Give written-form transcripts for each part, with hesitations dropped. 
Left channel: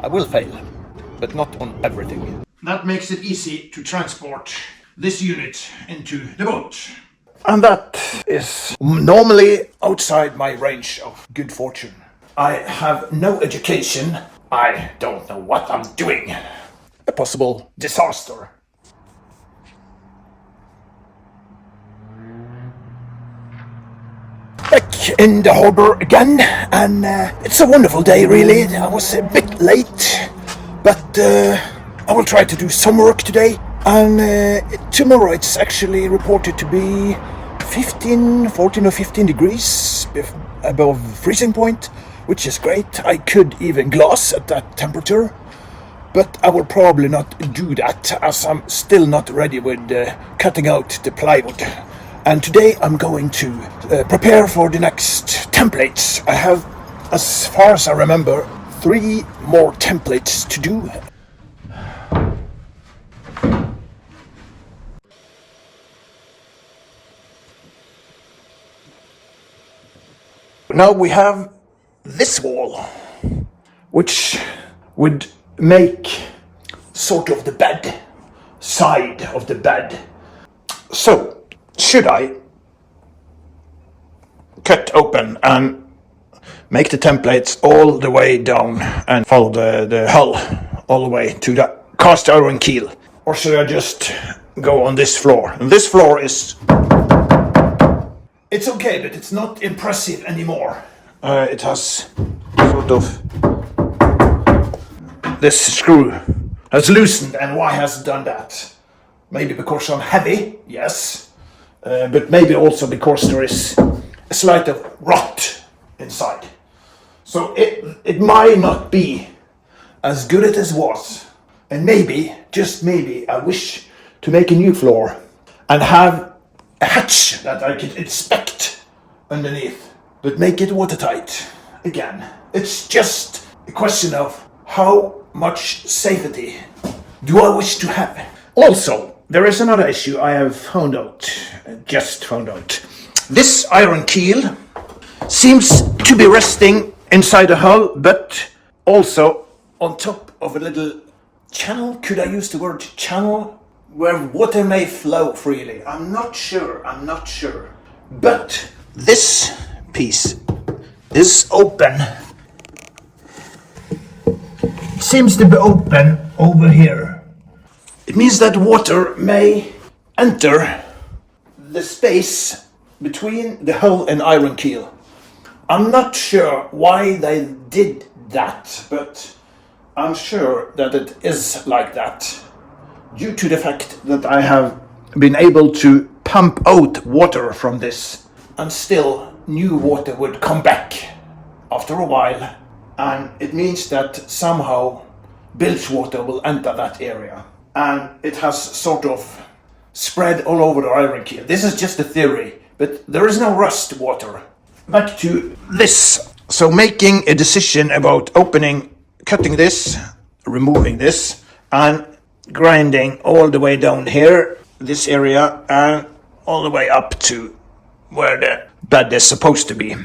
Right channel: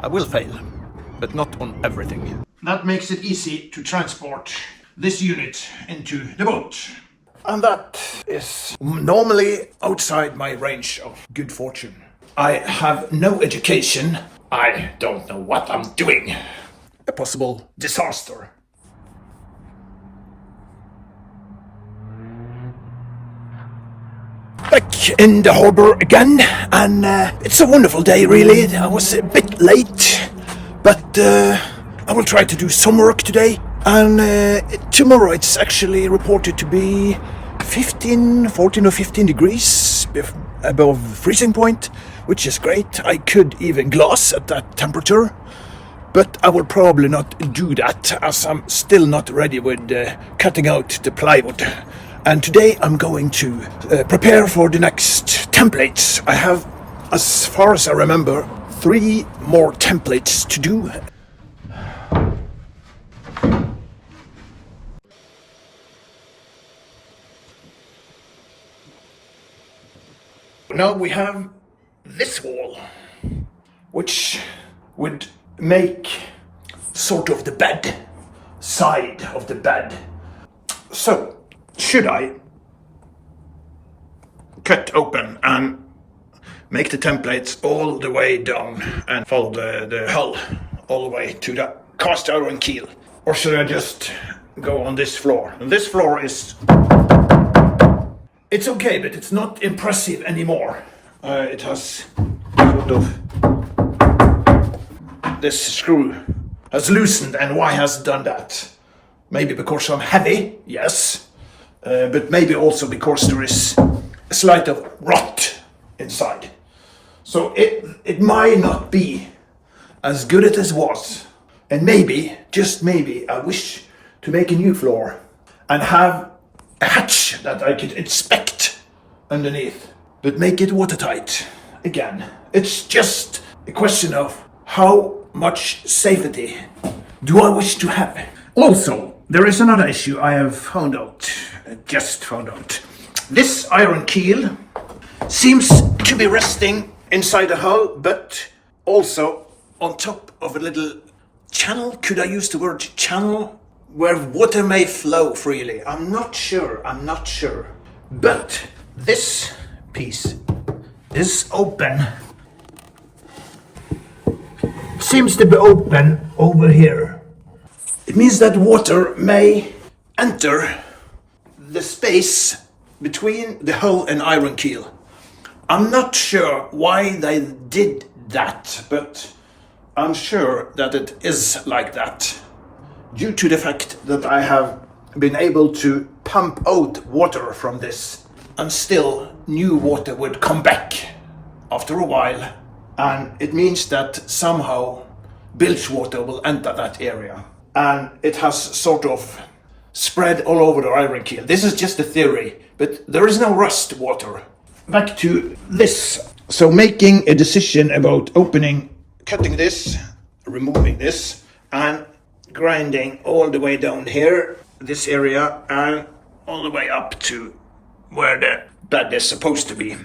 I will fail, but not on everything. That makes it easy to transport this unit into the boat. And that is normally outside my range of good fortune. I have no education. I don't know what I'm doing. A possible disaster. Back in the harbor again, and it's a wonderful day really. I was a bit late, but I will try to do some work today. And tomorrow it's actually reported to be 14 or 15 degrees above freezing point, which is great. I could even glass at that temperature, but I will probably not do that as I'm still not ready with cutting out the plywood. And today I'm going to prepare for the next templates. I have, as far as I remember, 3 more templates to do. Now we have this wall, which would make sort of the bed, side of the bed. So, should I cut open and make the templates all the way down and follow the hull all the way to the cast iron keel? Or should I just go on this floor? And this floor is... It's okay, but it's not impressive anymore. It has sort of... This screw has loosened, and why has it done that? Maybe because I'm heavy, yes. But maybe also because there is a slight of rot inside. So it might not be as good as it was. And maybe, just maybe, I wish to make a new floor and have a hatch that I could inspect underneath, but make it watertight again. It's just a question of how much safety do I wish to have. Also, there is another issue I have just found out. This iron keel seems to be resting inside the hull, but also on top of a little channel. Could I use the word channel? Where water may flow freely. I'm not sure. But this piece is open. It seems to be open over here. It means that water may enter the space between the hull and iron keel. I'm not sure why they did that, but I'm sure that it is like that, due to the fact that I have been able to pump out water from this, and still new water would come back after a while, and it means that somehow bilge water will enter that area, and it has sort of spread all over the iron keel. This is just a theory, but there is no rust water. Back to this. So making a decision about cutting this, removing this, and grinding all the way down here, this area, and all the way up to where the bed is supposed to be,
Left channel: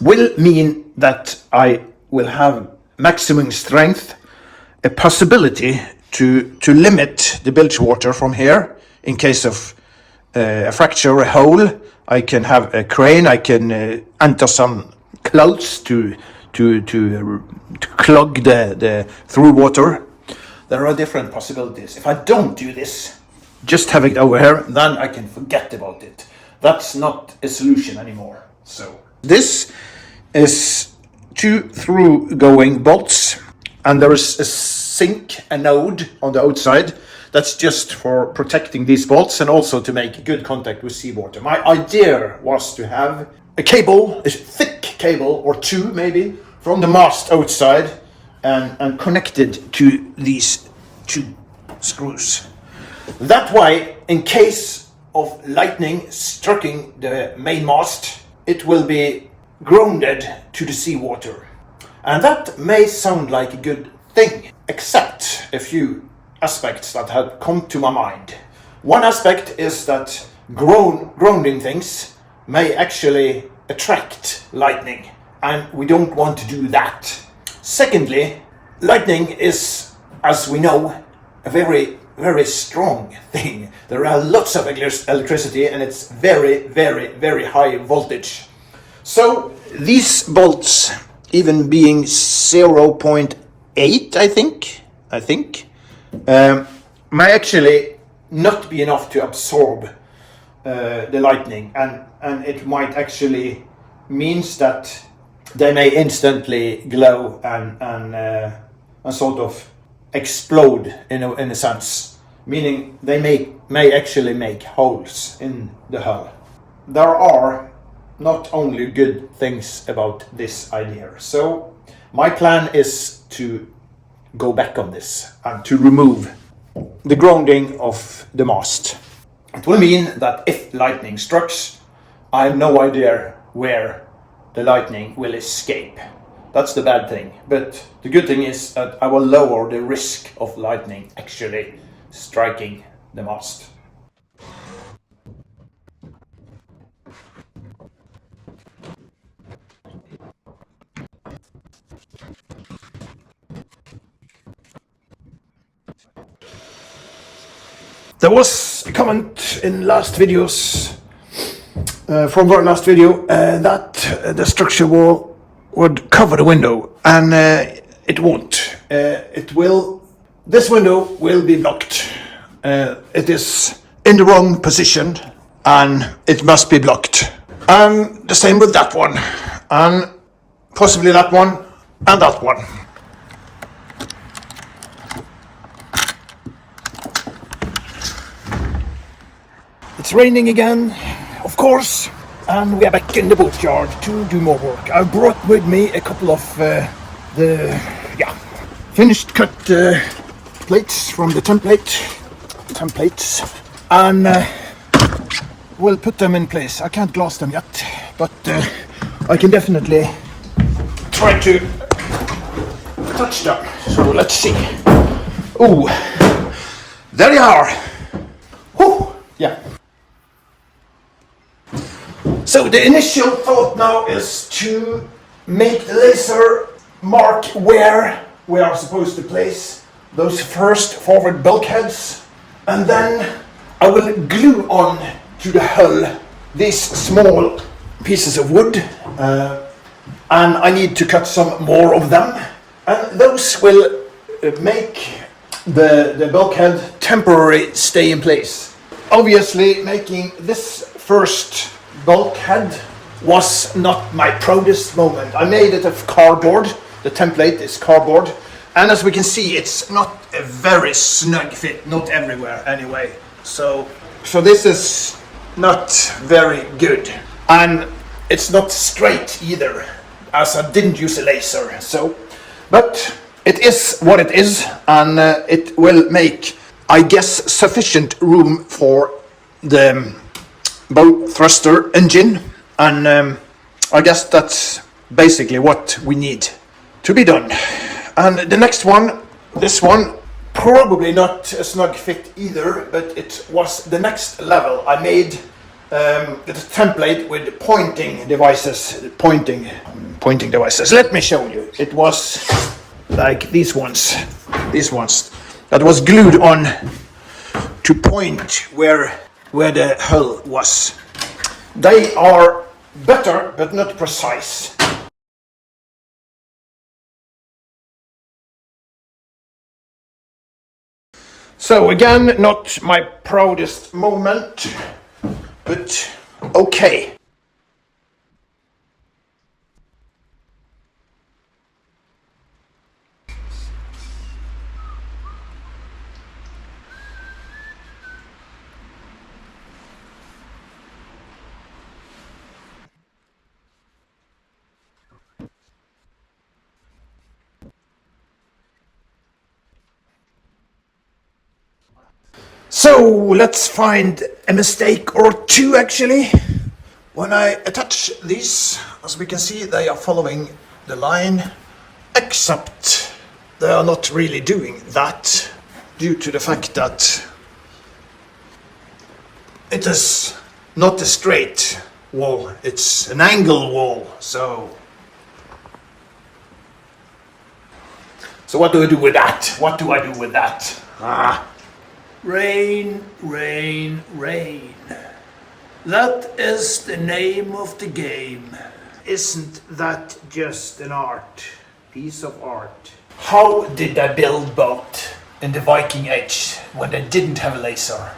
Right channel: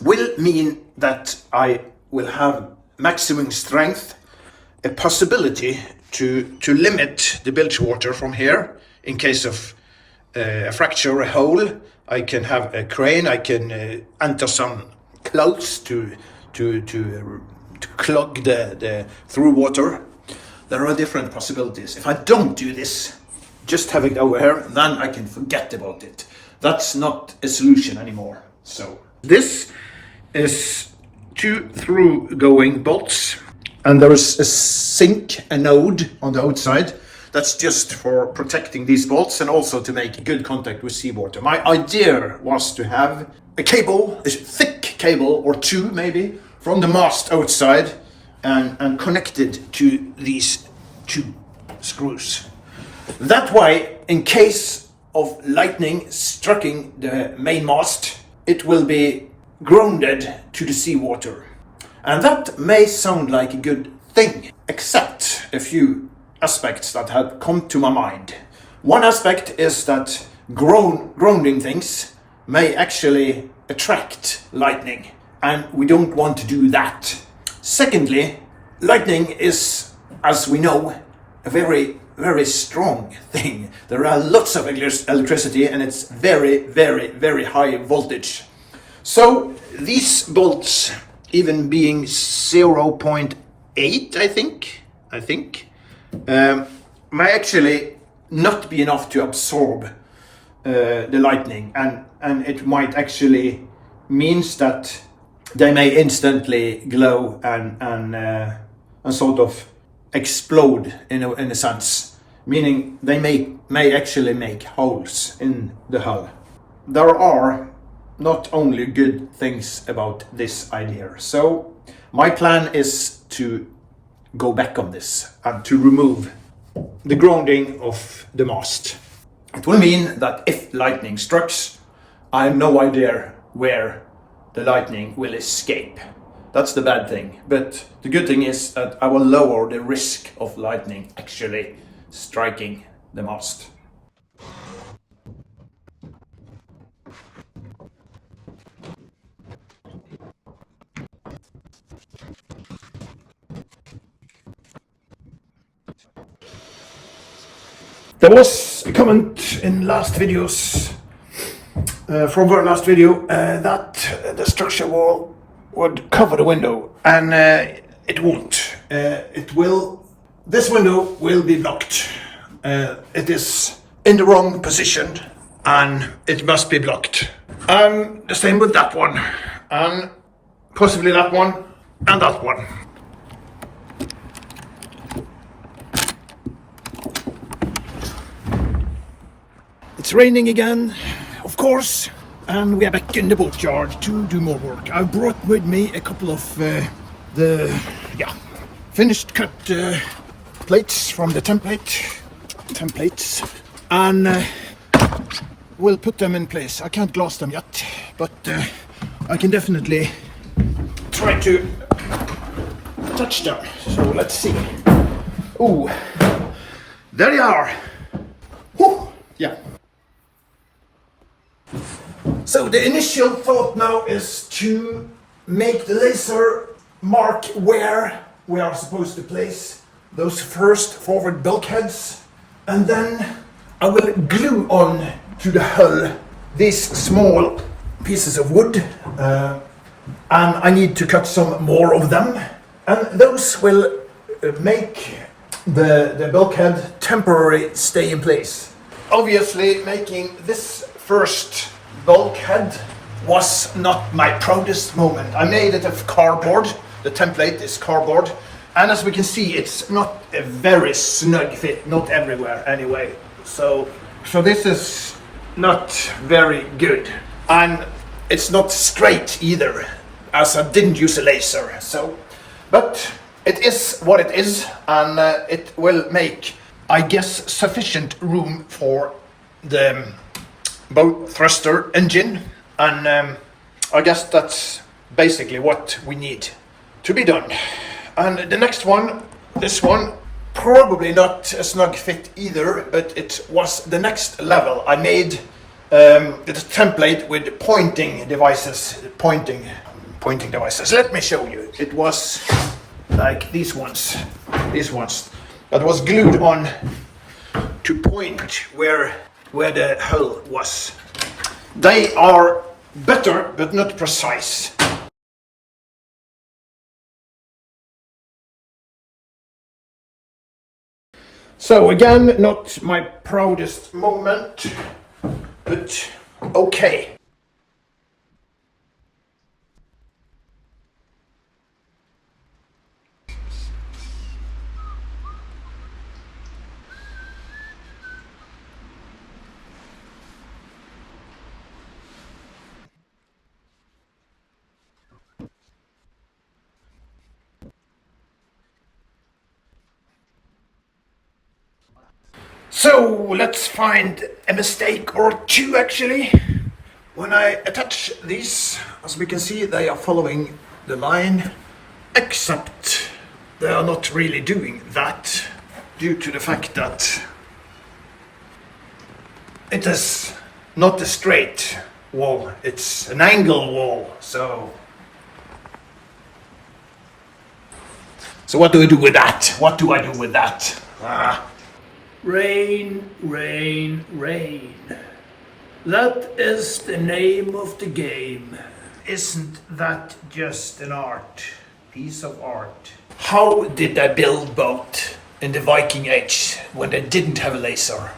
will mean that I will have maximum strength, a possibility to limit the bilge water from here in case of a fracture or a hole. I can have a crane, I can enter some clothes to clog the through water. There are different possibilities. If I don't do this, just have it over here, then I can forget about it. That's not a solution anymore. So this is 2 through-going bolts, and there is a sink, a node on the outside. That's just for protecting these bolts and also to make good contact with seawater. My idea was to have a cable, a thick cable or 2 maybe, from the mast outside and connected to these 2 screws. That way, in case of lightning striking the main mast, it will be grounded to the seawater. And that may sound like a good thing, except a few aspects that had come to my mind. One aspect is that grounding things may actually attract lightning, and we don't want to do that. Secondly, Lightning is, as we know, a very, very strong thing. There are lots of electricity and it's very, very, very high voltage. So these bolts, even being 0.8, I think, may actually not be enough to absorb the lightning, and it might actually means that they may instantly glow and sort of explode in a sense, meaning they may actually make holes in the hull. There are not only good things about this idea, so my plan is to go back on this and to remove the grounding of the mast. It will mean that if lightning strikes, I have no idea where the lightning will escape. That's the bad thing. But the good thing is that I will lower the risk of lightning actually striking the mast. There was a comment in last videos, from our last video, that the structure would cover the window, and it won't. This window will be blocked. It is in the wrong position, and it must be blocked. And the same with that one, and possibly that one, and that one. It's raining again, of course, and we are back in the boatyard to do more work. I brought with me a couple of finished cut plates from the templates, and we'll put them in place. I can't glass them yet, but I can definitely try to touch them. So let's see. Ooh, there you are. Whew. Yeah. So the initial thought now is to make the laser mark where we are supposed to place those first forward bulkheads, and then I will glue on to the hull these small pieces of wood, and I need to cut some more of them, and those will make the bulkhead temporarily stay in place. Obviously, making this first bulkhead was not my proudest moment. I made it of cardboard. The template is cardboard, and as we can see, it's not a very snug fit, not everywhere anyway. So this is not very good, and it's not straight either, as I didn't use a laser. But it is what it is, and it will make, I guess, sufficient room for the bow thruster engine, and I guess that's basically what we need to be done. And the next one, this one, probably not a snug fit either, but it was the next level. I made the template with pointing devices. Let me show you. It was like these ones that was glued on to point where the hull was. They are better but not precise. So again, not my proudest moment, but okay. So let's find a mistake or two actually. When I attach these, as we can see, they are following the line, except they are not really doing that due to the fact that it is not a straight wall, it's an angle wall. So So what do I do with that? What do I do with that? Rain, rain, rain. That is the name of the game. Isn't that just an art? Piece of art. How did they build boat in the Viking Age when they didn't have a laser?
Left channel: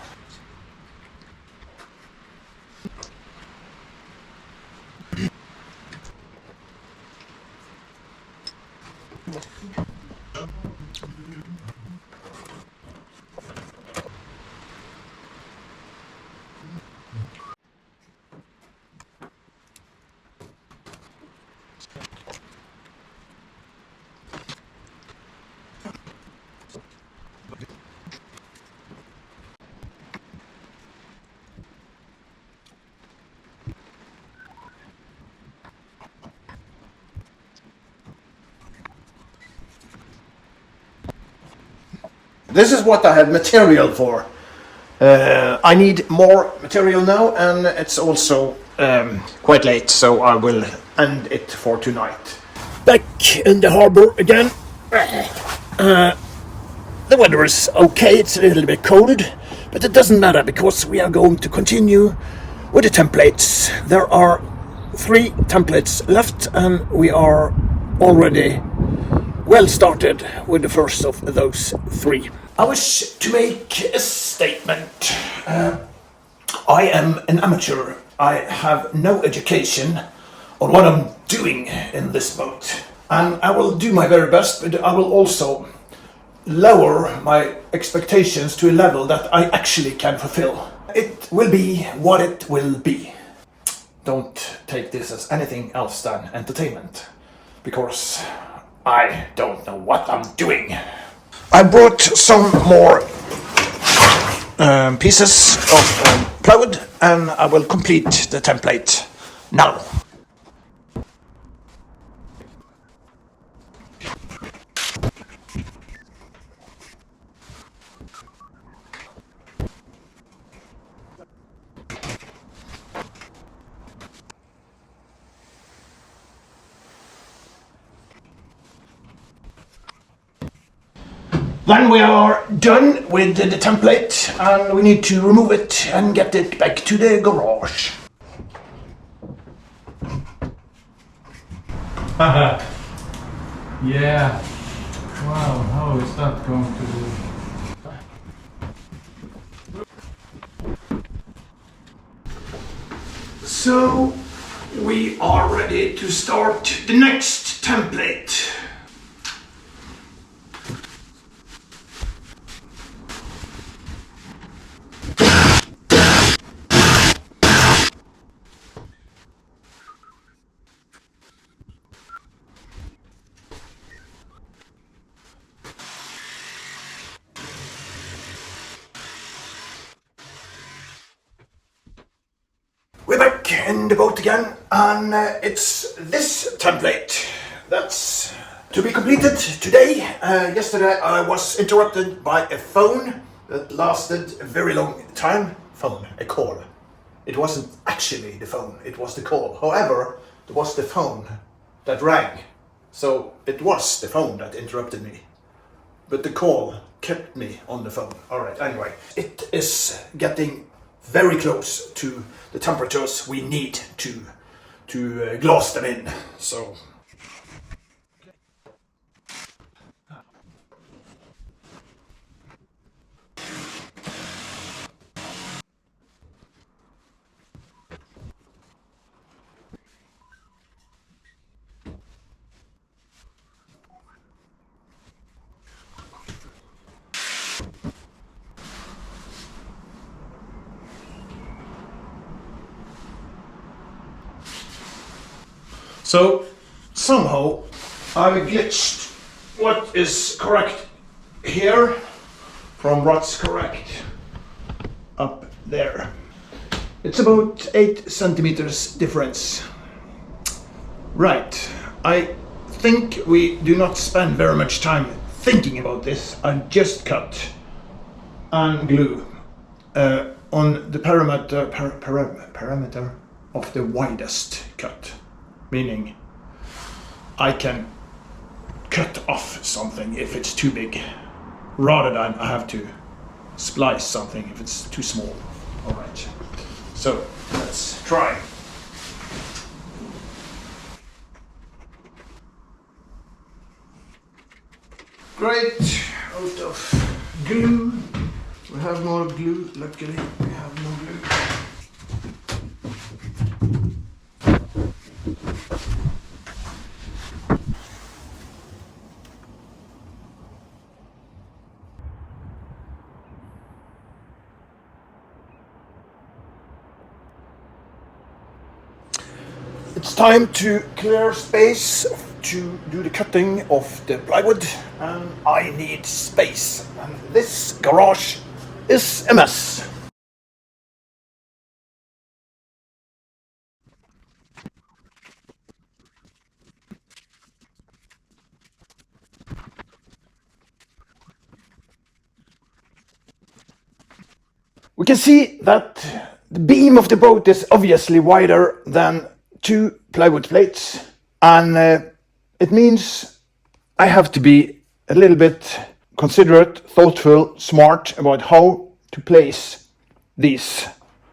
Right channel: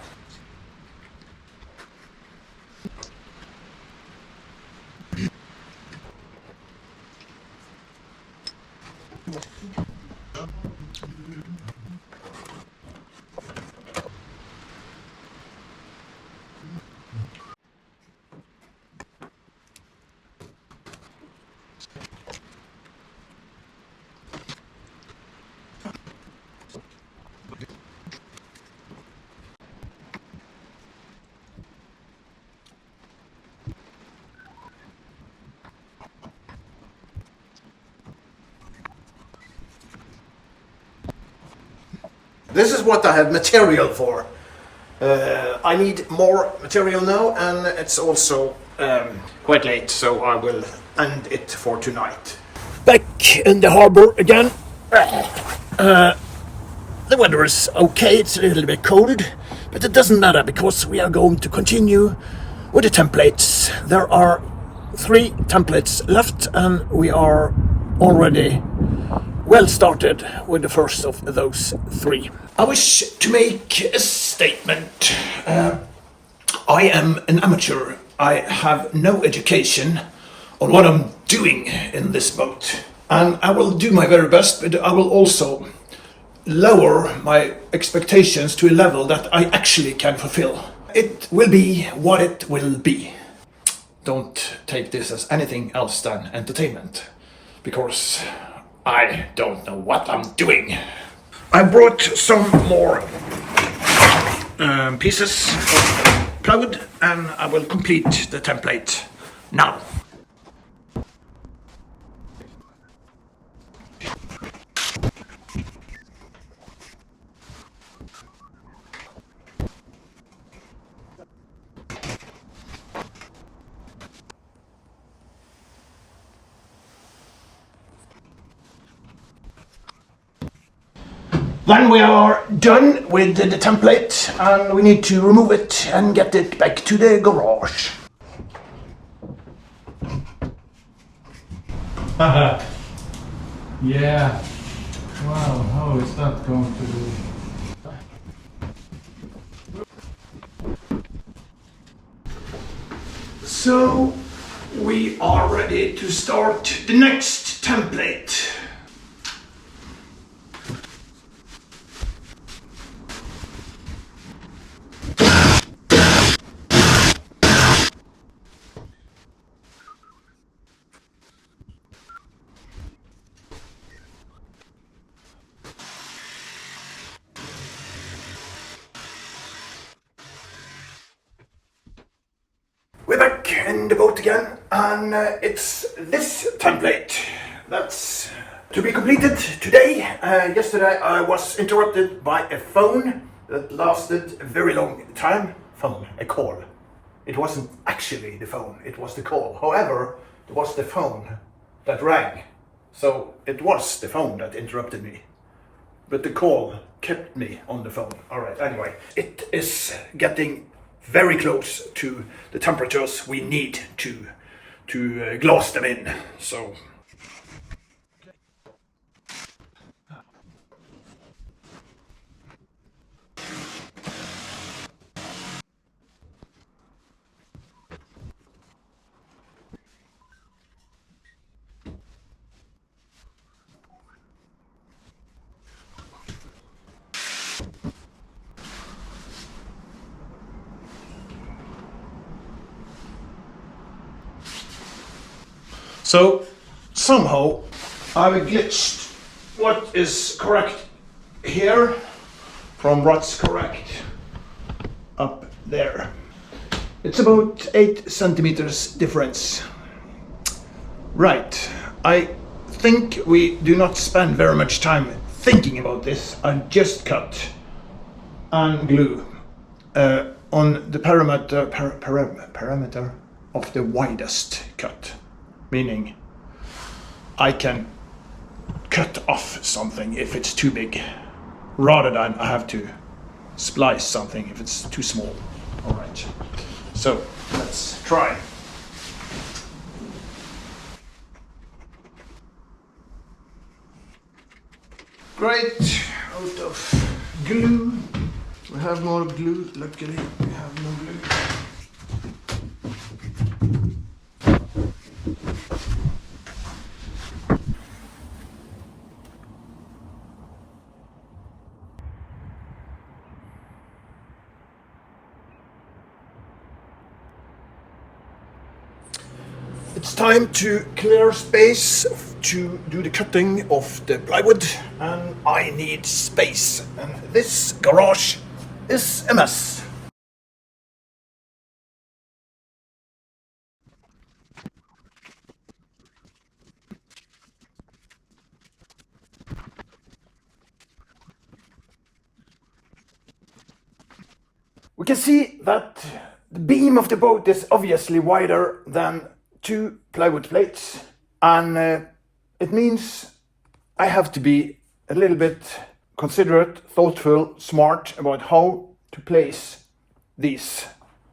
This is what I have material for. I need more material now, and it's also quite late, so I will end it for tonight. Back in the harbor again. The weather is okay, it's a little bit cold, but it doesn't matter because we are going to continue with the templates. There are 3 templates left, and we are already well started with the first of those 3. I wish to make a statement. I am an amateur. I have no education on what I'm doing in this boat. And I will do my very best, but I will also lower my expectations to a level that I actually can fulfill. It will be what it will be. Don't take this as anything else than entertainment, because I don't know what I'm doing. I brought some more pieces of plywood, and I will complete the template now. Then we are done with the template, and we need to remove it and get it back to the garage. Yeah. Wow, how is that going to be? So we are ready to start the next template. We're back in the boat again, and it's this template that's to be completed today. Yesterday I was interrupted by a phone that lasted a very long time. A call. It wasn't actually the phone, it was the call. However, it was the phone that rang. So it was the phone that interrupted me. But the call kept me on the phone. Alright, anyway. It is getting very close to the temperatures we need to glass them in. So somehow I've glitched what is correct here from what's correct up there. It's about 8 centimeters difference. Right, I think we do not spend very much time thinking about this. I just cut and glue on the parameter of the widest cut, meaning I can cut off something if it's too big, rather than I have to splice something if it's too small. All right, so let's try. Great, out of glue. We have more glue, luckily we have more glue. It's time to clear space to do the cutting of the plywood, and I need space, and this garage is a mess. We can see that the beam of the boat is obviously wider than 2 plywood plates, and it means I have to be a little bit considerate, thoughtful, smart about how to place these.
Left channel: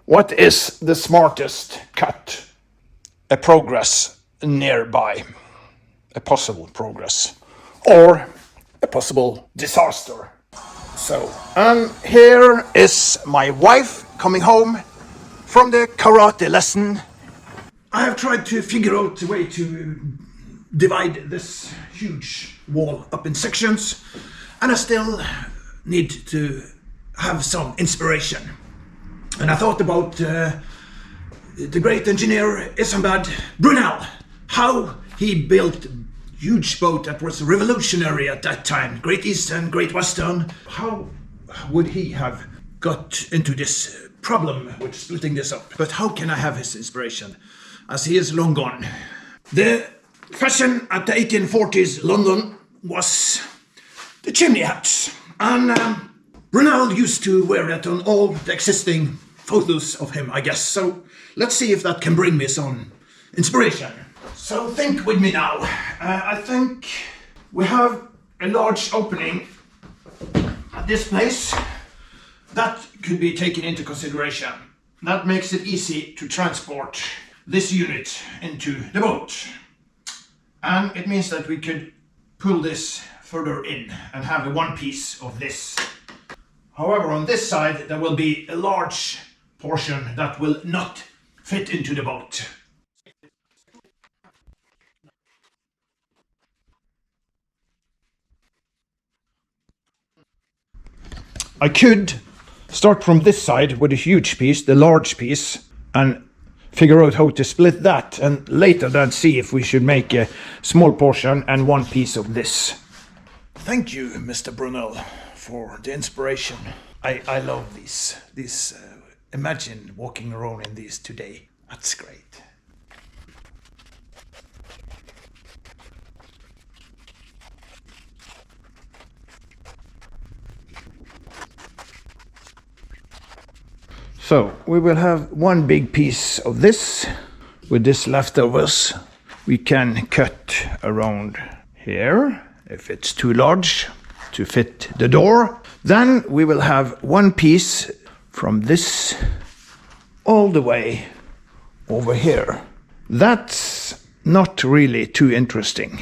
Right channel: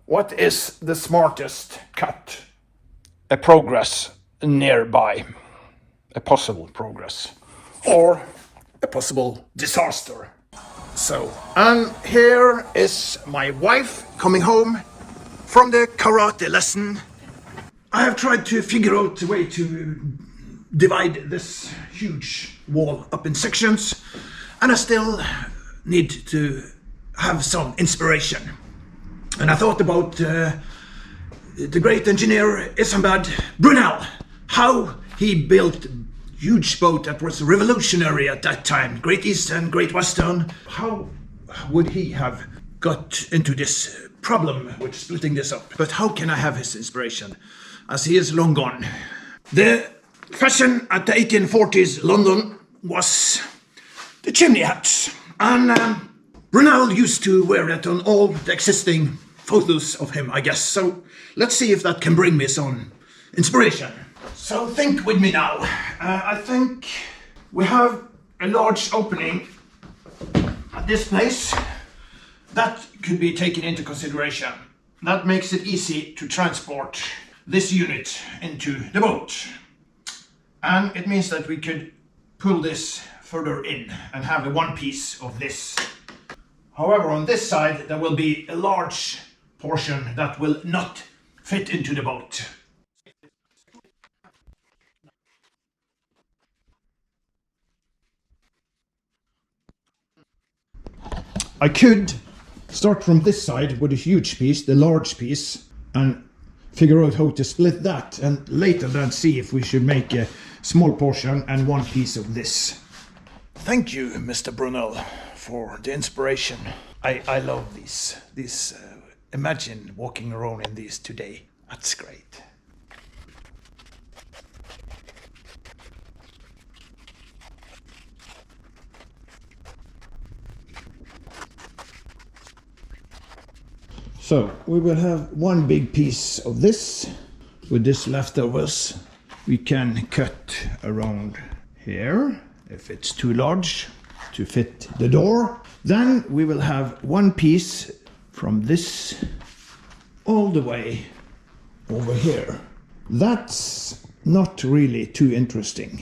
What is the smartest cut? A progress nearby, a possible progress, or a possible disaster. So, and here is my wife coming home from the karate lesson. I have tried to figure out a way to divide this huge wall up in sections, and I still need to have some inspiration. And I thought about the great engineer Isambard Brunel, how he built a huge boat that was revolutionary at that time, Great Eastern, Great Western. How would he have got into this problem with splitting this up? But how can I have his inspiration, as he is long gone? The fashion at the 1840s London was the chimney hats, and Brunel used to wear that on all the existing photos of him, I guess. So let's see if that can bring me some inspiration. So think with me now. I think we have a large opening at this place that could be taken into consideration. That makes it easy to transport this unit into the boat. And it means that we could pull this further in and have a one piece of this. However, on this side there will be a large portion that will not fit into the boat. I could start from this side with a huge piece, the large piece, and figure out how to split that, and later then see if we should make a small portion and one piece of this. Thank you, Mr. Brunel, for the inspiration. I love these. Imagine walking around in these today. That's great. So we will have one big piece of this. With this leftovers, we can cut around here if it's too large to fit the door. Then we will have one piece from this all the way over here. That's not really too interesting,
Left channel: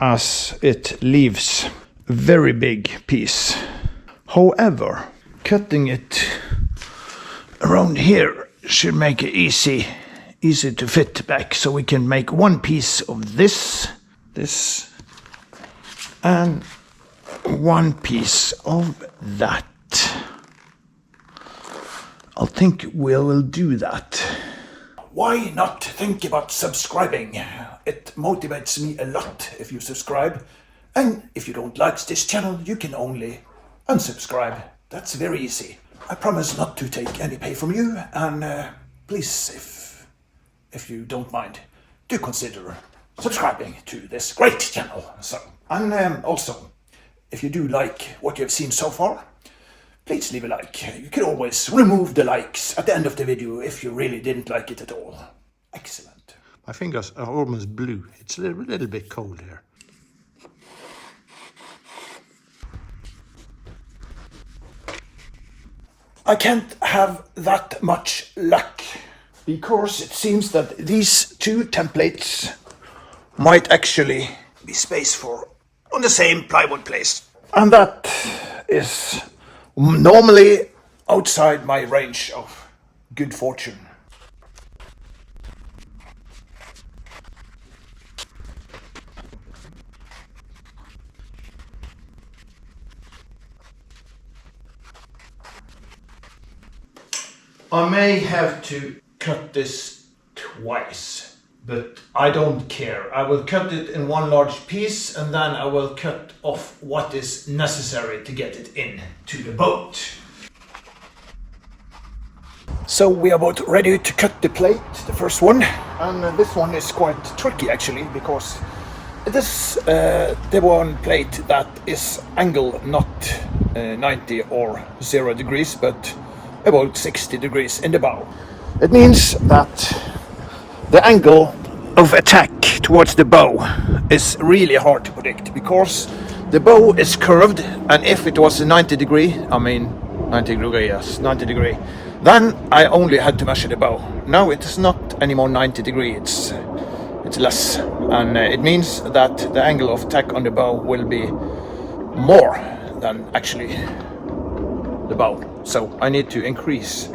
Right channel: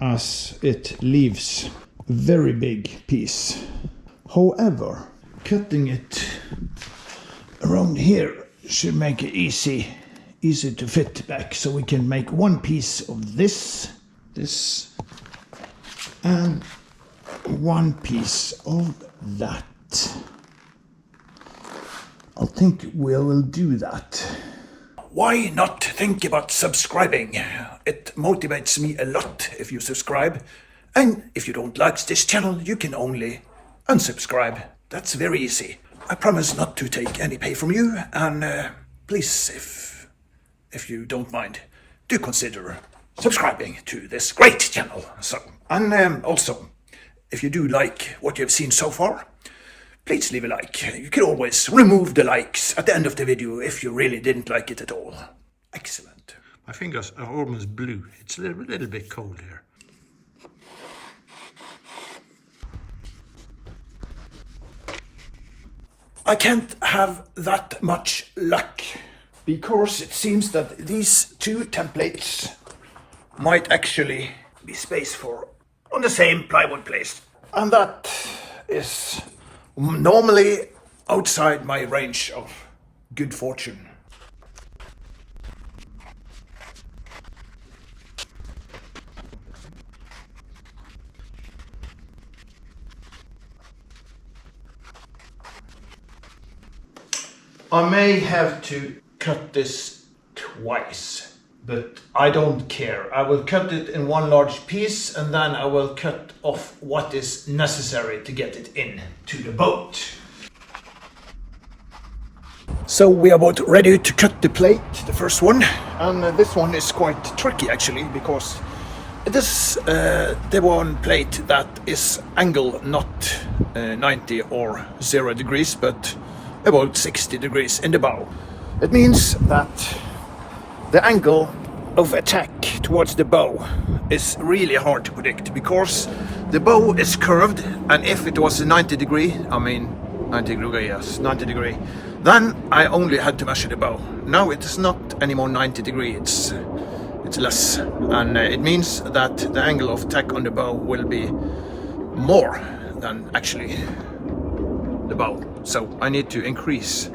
as it leaves a very big piece. However, cutting it around here should make it easy to fit back, so we can make one piece of this, and one piece of that. I think we'll do that. Why not think about subscribing? It motivates me a lot if you subscribe. And if you don't like this channel, you can only unsubscribe. That's very easy. I promise not to take any pay from you, and please, if you don't mind, do consider subscribing to this great channel. So, and also, if you do like what you've seen so far, please leave a like. You can always remove the likes at the end of the video if you really didn't like it at all. Excellent. My fingers are almost blue. It's a little bit cold here. I can't have that much luck, because it seems that these two templates might actually be space for on the same plywood place. And that is normally outside my range of good fortune. I may have to cut this twice, but I don't care. I will cut it in one large piece, and then I will cut off what is necessary to get it in to the boat. So we are about ready to cut the plate, the first one. And this one is quite tricky actually, because it is the one plate that is angle not 90 or 0 degrees, but about 60 degrees in the bow. It means that the angle of attack towards the bow is really hard to predict, because the bow is curved, and if it was a 90 degree, 90 degree, then I only had to measure the bow. Now it is not anymore 90 degree, it's less, and it means that the angle of attack on the bow will be more than actually the bow. So I need to increase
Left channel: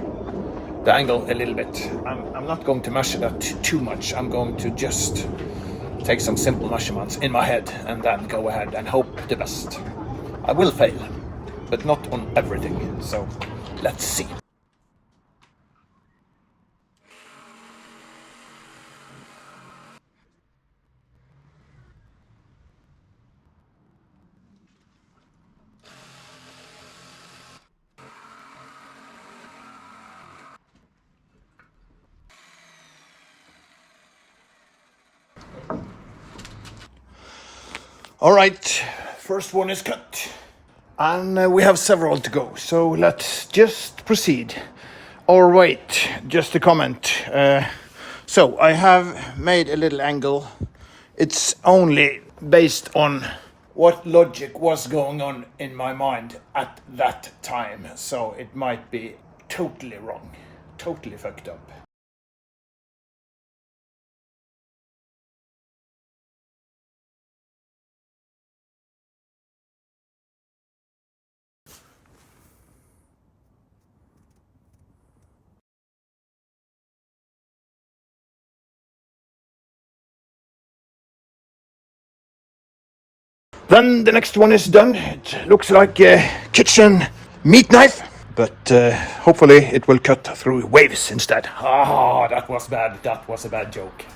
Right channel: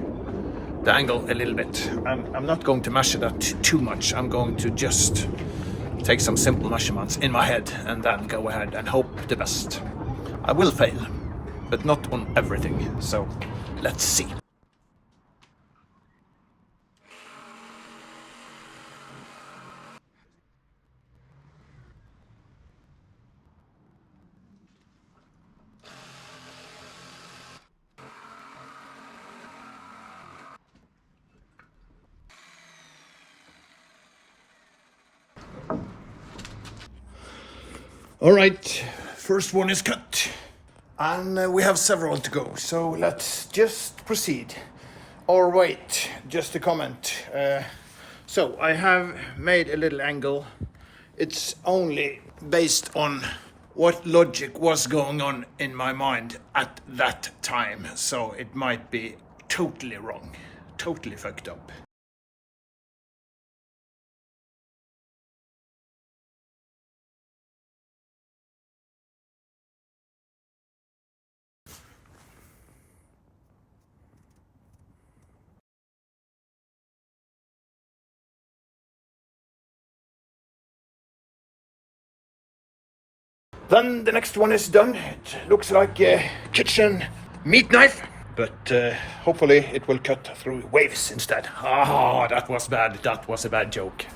the angle a little bit. I'm not going to measure that too much. I'm going to just take some simple measurements in my head and then go ahead and hope the best. I will fail, but not on everything. So let's see. All right, first one is cut, and we have several to go, so let's just proceed. Or wait, just a comment. So I have made a little angle. It's only based on what logic was going on in my mind at that time, so it might be totally wrong, totally fucked up. Then the next one is done. It looks like a kitchen meat knife, but hopefully it will cut through waves instead. Ah, that was bad. That was a bad joke.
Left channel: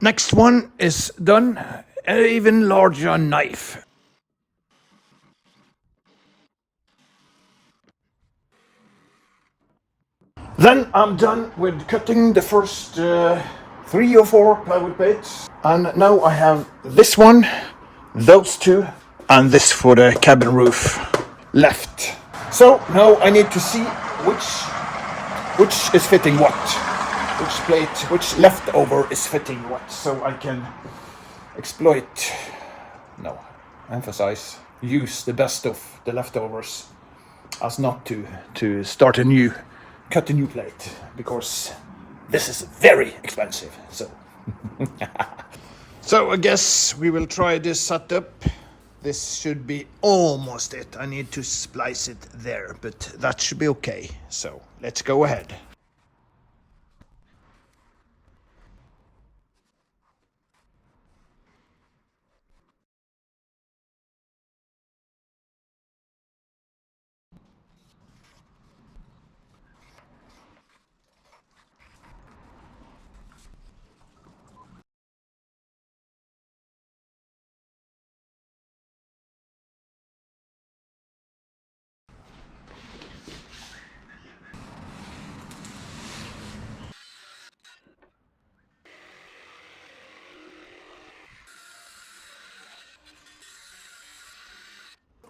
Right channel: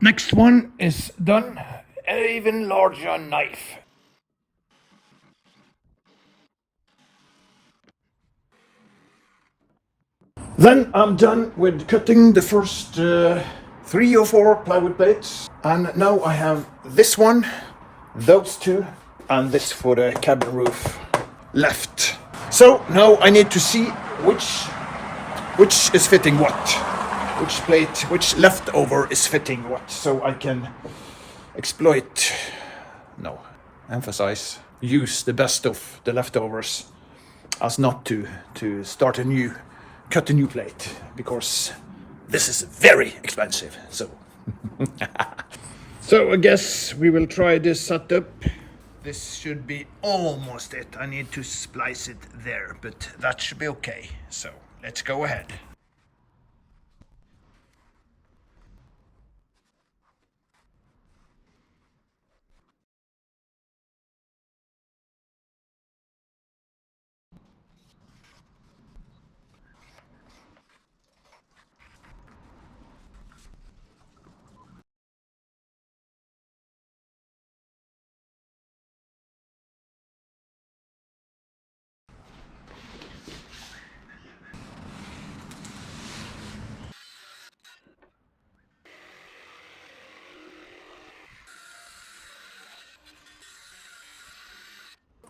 Next one is done. An even larger knife. Then I'm done with cutting the first 3 or 4 plywood plates. And now I have this one, those two, and this for the cabin roof left. So now I need to see which is fitting what. Which plate, which leftover is fitting what. So I can use the best of the leftovers, as not to start cut a new plate, because this is very expensive. So I guess we will try this setup. This should be almost it. I need to splice it there, but that should be okay. So let's go ahead.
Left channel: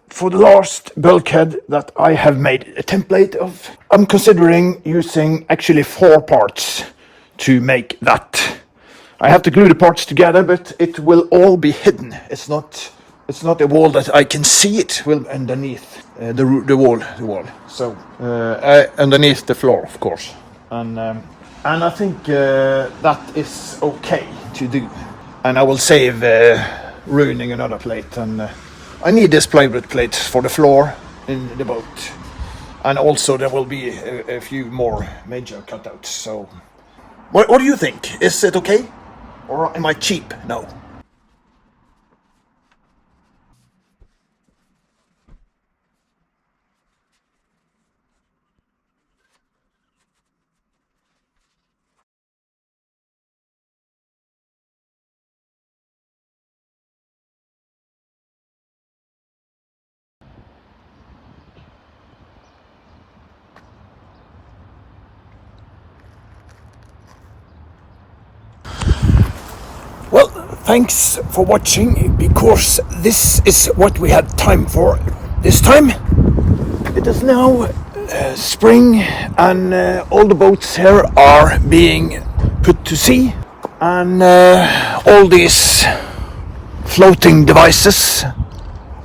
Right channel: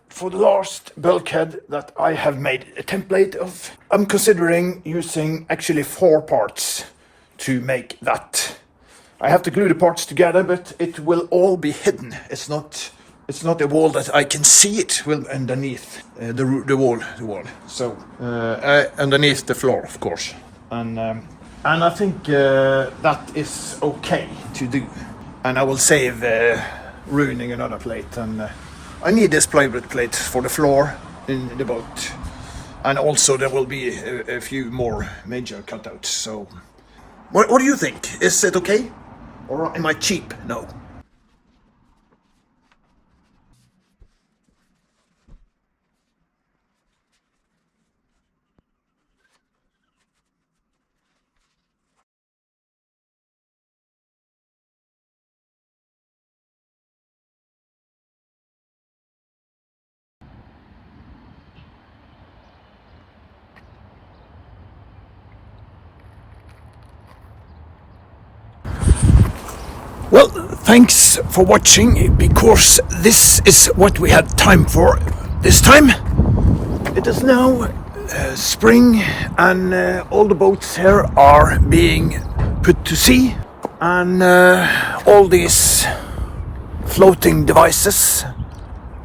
For the last bulkhead that I have made a template of, I'm considering using actually 4 parts to make that I have to glue the parts together, but it will all be hidden. It's not a wall that I can see. It will underneath the wall. So underneath the floor, of course. And I think that is okay to do. And I will save ruining another plate. And I need this plywood plate for the floor in the boat. And also there will be a few more major cutouts. So, what do you think? Is it okay? Or am I cheap? No. Well, thanks for watching, because this is what we had time for this time. It is now spring, and all the boats here are being put to sea, and all these floating devices,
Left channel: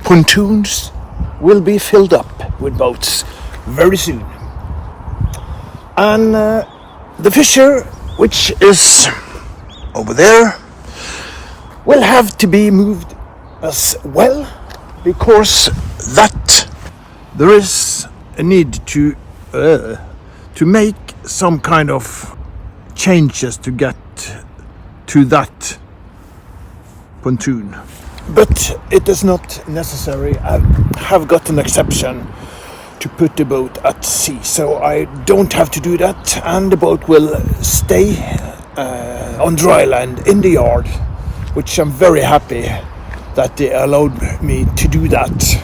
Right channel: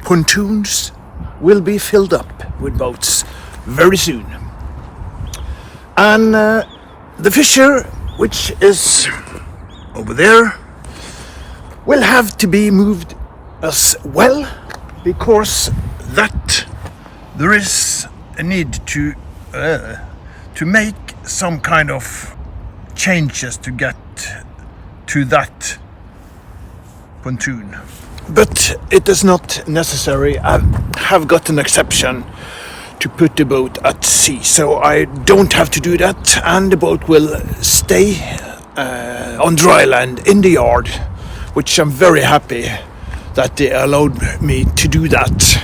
pontoons, will be filled up with boats very soon. And the fisher, which is over there, will have to be moved as well, because that there is a need to make some kind of changes to get to that pontoon. But it is not necessary. I have got an exception to put the boat at sea, so I don't have to do that, and the boat will stay on dry land in the yard, which I'm very happy that they allowed me to do that,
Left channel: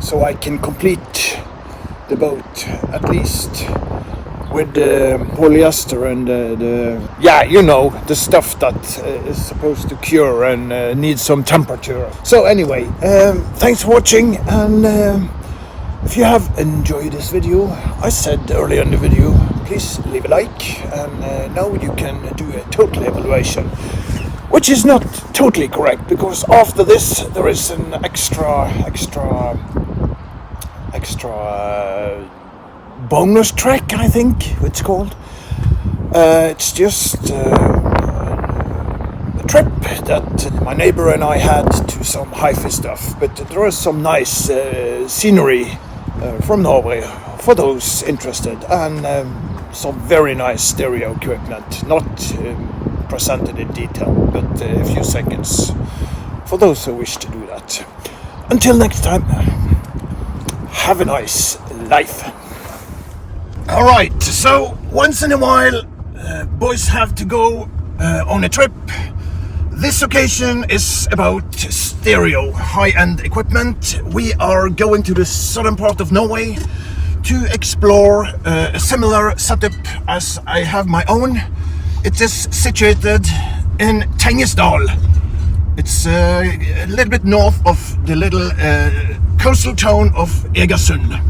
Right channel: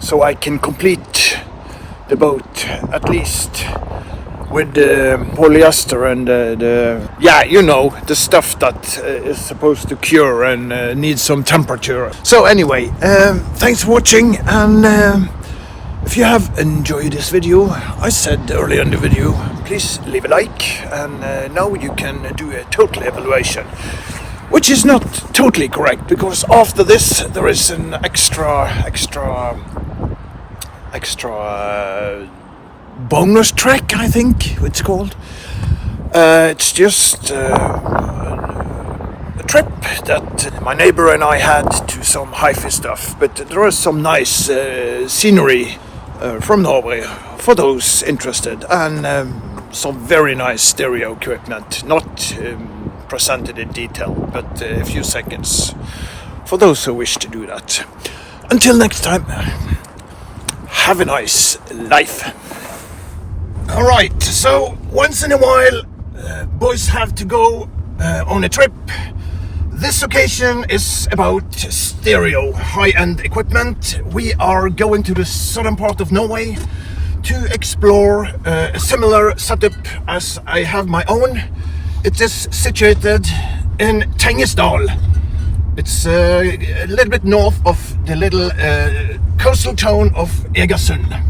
so I can complete the boat at least with the polyester and the stuff that is supposed to cure and needs some temperature. So anyway, thanks for watching, and if you have enjoyed this video, I said earlier in the video, please leave a like, and now you can do a total evaluation, which is not totally correct, because after this there is an extra bonus track, I think it's called. It's just a trip that my neighbor and I had to some hi-fi stuff, but there is some nice scenery from Norway for those interested, and some very nice stereo equipment, not presented in detail, but a few seconds for those who wish to do that. Until next time, have a nice life. Alright, so once in a while boys have to go on a trip. This occasion is about stereo, high-end equipment. We are going to the southern part of Norway to explore a similar setup as I have my own. It is situated in Tengesdal. It's a little bit north of the little coastal town of Egersund.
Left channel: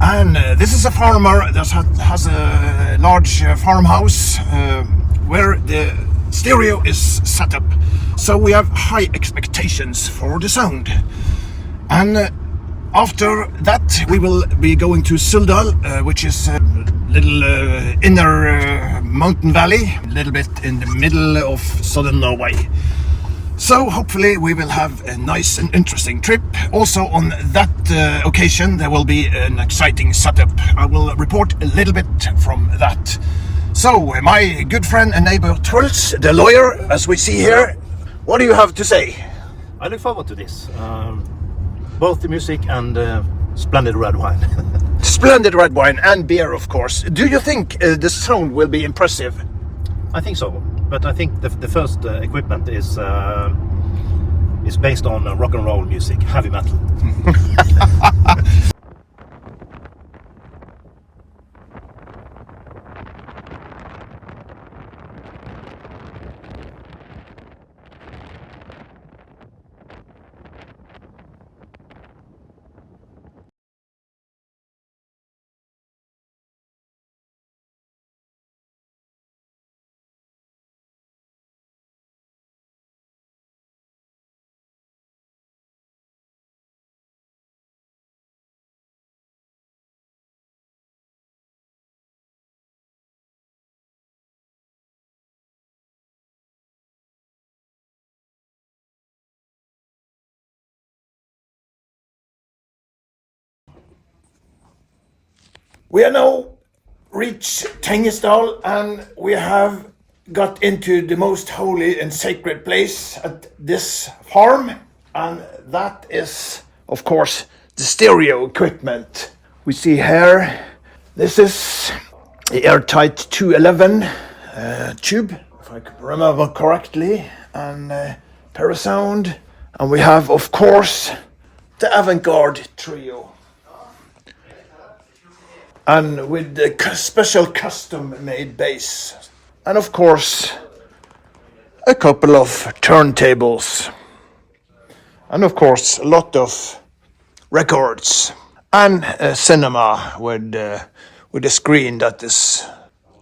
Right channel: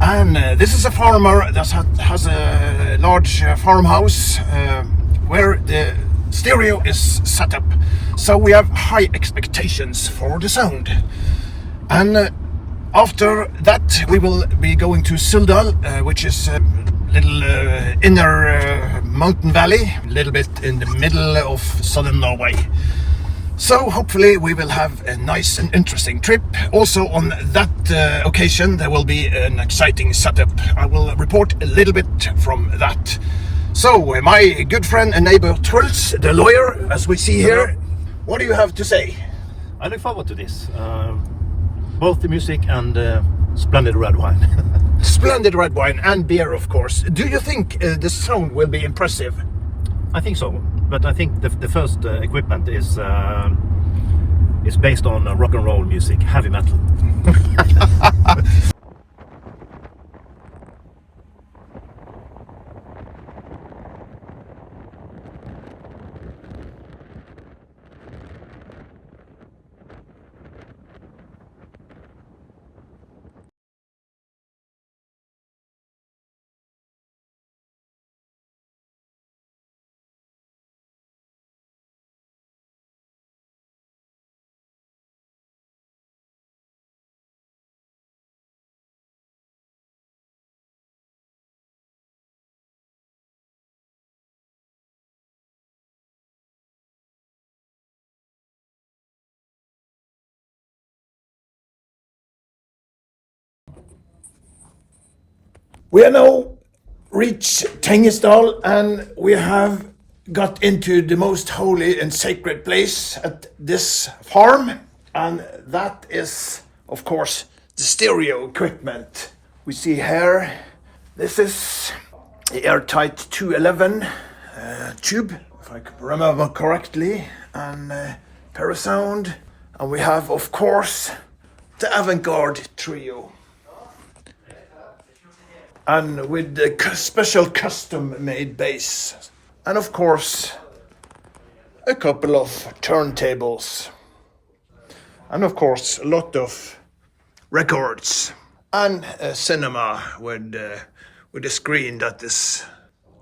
And this is a farmer that has a large farmhouse where the stereo is set up. So we have high expectations for the sound. And after that we will be going to Suldal, which is a little inner mountain valley, a little bit in the middle of southern Norway. So hopefully we will have a nice and interesting trip. Also on that occasion there will be an exciting setup. I will report a little bit from that. So my good friend and neighbor Truls, the lawyer, as we see here, what do you have to say? I look forward to this. Both the music and splendid red wine. Splendid red wine and beer, of course. Do you think the sound will be impressive? I think so, but I think the first equipment is based on rock and roll music, heavy metal. We are now reached Tengesdal, and we have got into the most holy and sacred place at this farm, and that is, of course, the stereo equipment. We see here, this is the airtight 211 tube, if I can remember correctly, and parasound, and we have, of course, the avant-garde trio. And with the special custom-made bass. And of course, a couple of turntables. And of course, a lot of records. And a cinema with a screen that is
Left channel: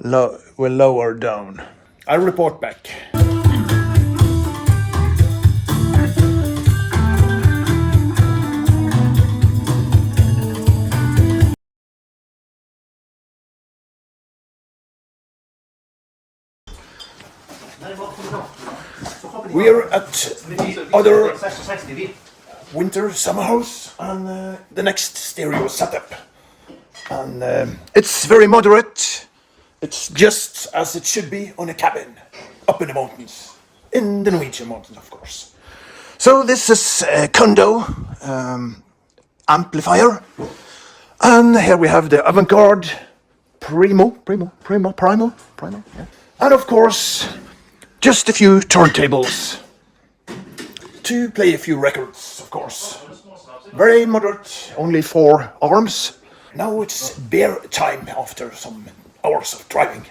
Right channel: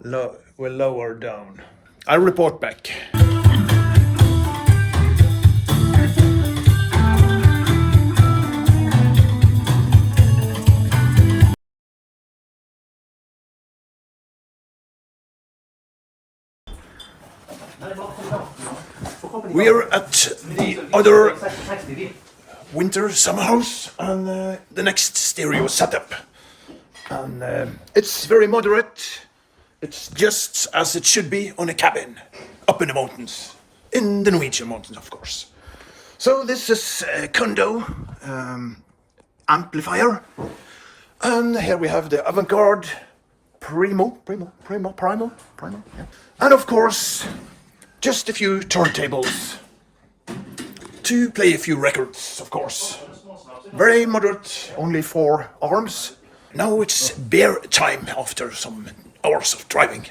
will lower down. I'll report back. We're at the other winter summer house and the next stereo setup. And it's very moderate. It's just as it should be on a cabin up in the mountains. In the Norwegian mountains, of course. So this is a condo amplifier. And here we have the avant-garde Primo. Yeah. And of course, just a few turntables to play a few records, of course. Very moderate, only 4 arms. Now it's beer time after some hours of driving.